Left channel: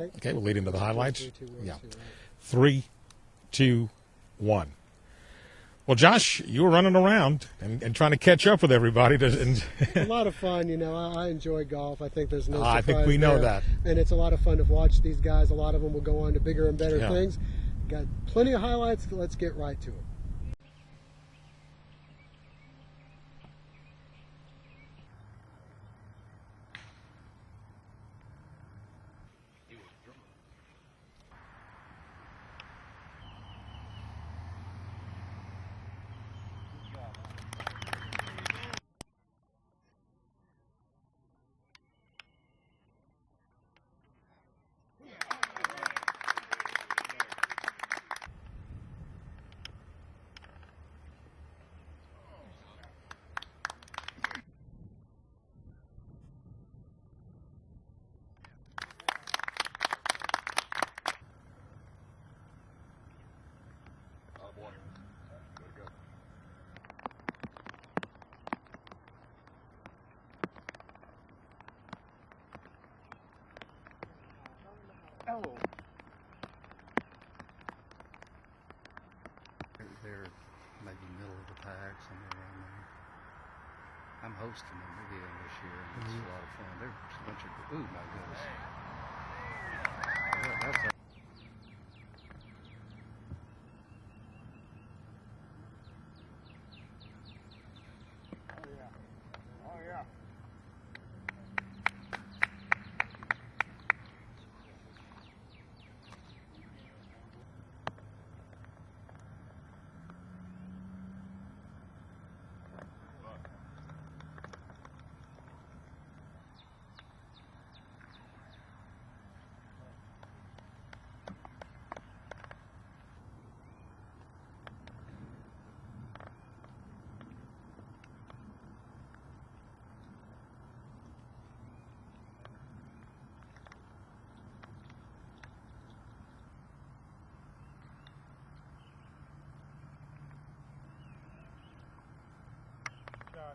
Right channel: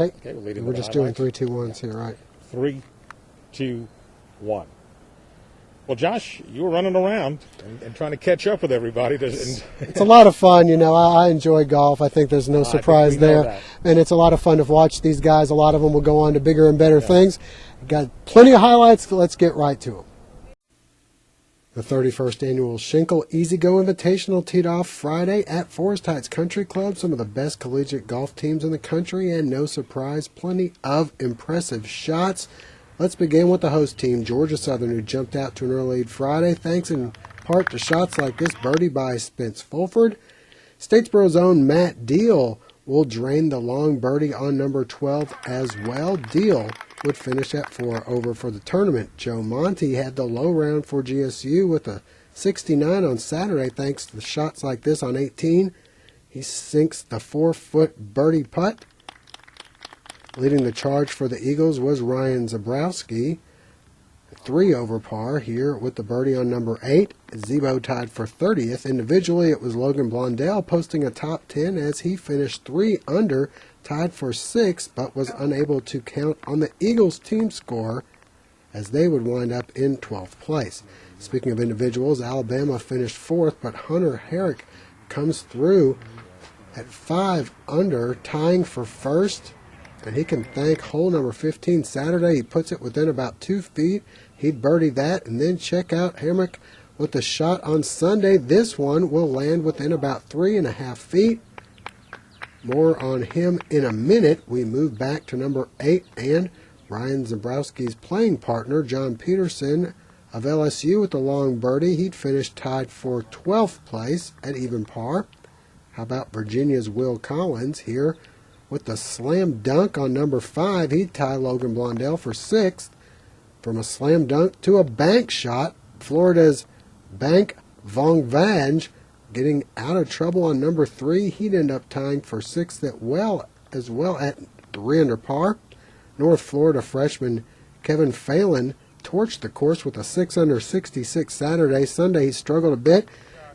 Okay. Okay, we're leading We're the just highlights. doing 3, 2, 1s here, right? 3, 2, 1. Well, Josh, you were running around and trying to catch up with everybody. It's a lot of fun, you know. I enjoy golf. I think there's no surprise there. That. And it's a lot of fun to watch these guys. A lot of them will go on to bigger and better things. Got plenty of highlights. Let's get right to them. The 31st Annual Schenkel Easy Go Invitational teed off Friday at Forest Heights Country Club. Some of the best collegiate golf teams in the country, and no surprise, plenty of impressive shots. Let's begin with the host team, Georgia Southern, who jumped out to an early lead Friday, thanks in part to shots like this birdie by Spence Fulford. Statesboro's own Matt Deal will drain the long birdie on number 12 as well. Deal would finish at 4 over for the tournament. Joe Monty had the low round for GSU with a 69 on Saturday thanks to the shots like this on 18. He sinks the 4-foot birdie putt. Leading the charge for the Eagles was Ryan Zabrowski, 3 over par here with the birdie on number 8. Zebo tied for 30th. Individually, it was Logan Blondell posting a top 10 as he finished 3 under, tied for 6th, but was unable to count on the Eagles team score as they would wind up in 12th place. Speaking of individuals, Alabama finished 4th, but Hunter Herrick comes through at 5 under, tying for 1st. And he can thank hole number 15 Saturday. He puts it within about 2 feet. He'd birdie that and then check out Hamrick with the shot on Sunday. This one will land within about 3.5 feet. More on him in a minute. We move back to number 8 and Ryan Zabrowski's playing partner, John Peterson of LSU with the long birdie. He'd finished tied for 12th place at even par. How about Virginia's Will Collins here? With the slam dunk on number 5, he'd tie Logan Blondell for 6th. From a slam dunk to a bank shot, Florida's Bank Vongvange getting out of trouble on number 3. He'd end up tying for 6th as well at 3 under par. North Florida freshman Kevin Phelan torched the course with a 6 under 66 Saturday. Sunday he struggled a bit,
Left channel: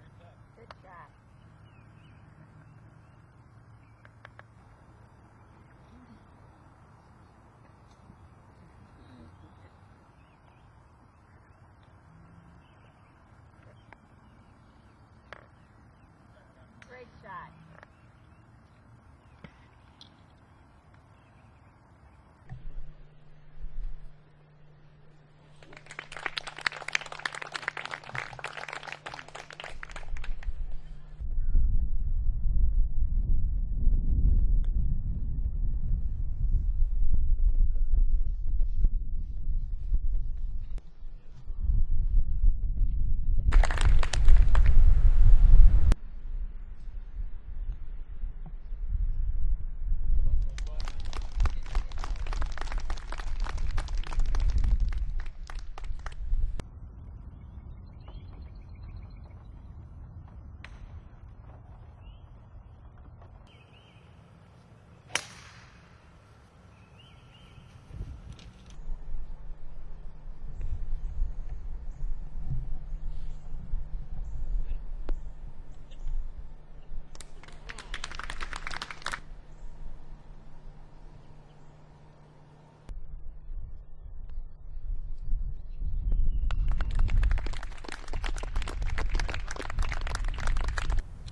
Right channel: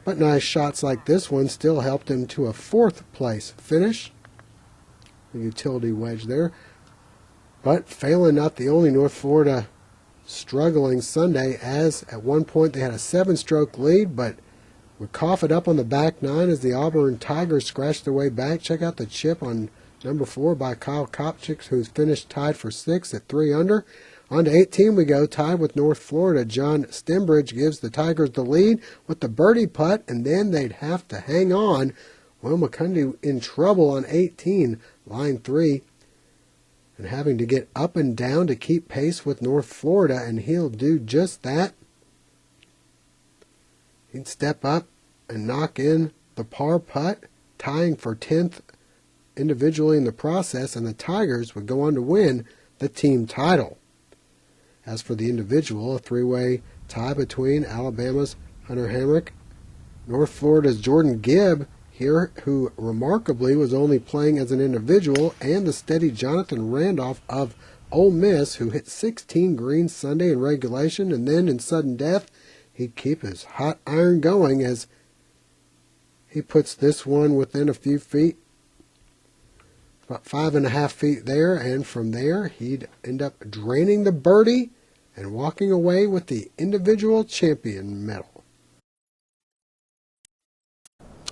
but nice shots like this one still helped him to a 4th place finish. Utility wedge there. But Phelan not the only North Florida struggling Sunday, as at one point they had a 7-stroke lead, but would cough it up on the back 9 as the Auburn Tigers scratched their way back. Check out the chip on number 4 by Kyle Kopchik, who's finished tied for 6th at 3 under. On to 18 we go, tied with North Florida. John Stembridge gives the Tigers the lead with the birdie putt, and then they'd have to hang on. Will McCundy in trouble on 18, line 3, and having to get up and down to keep pace with North Florida, and he'll do just that. He'd step up and knock in the par putt, tying for 10th individually in the process, and the Tigers would go on to win the team title. As for the individual, a 3-way tie between Alabama's Hunter Hamrick, North Florida's Jordan Gibb here, who remarkably was only playing as an individual, and the steady Jonathan Randolph of Ole Miss, who hit 16 greens Sunday in regulation, and then in sudden death he'd keep his hot iron going as he puts this one within a few feet, about 5.5 feet there, and from there he'd end up draining the birdie and walking away with the individual champion medal.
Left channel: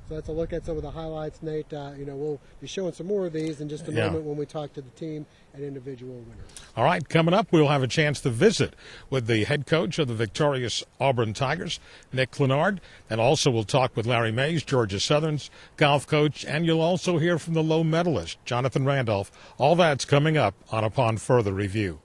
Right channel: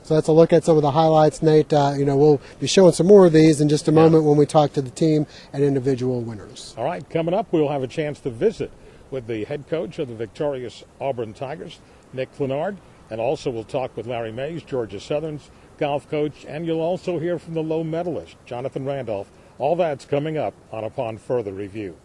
So that's a look at some of the highlights, Nate. We'll be showing some more of these in just a moment when we talk to the team and individual winners. All right, coming up, we'll have a chance to visit with the head coach of the victorious Auburn Tigers, Nick Clenard, and also we'll talk with Larry Mays, Georgia Southern's golf coach, and you'll also hear from the low medalist, Jonathan Randolph. All that's coming up on Upon Further Review.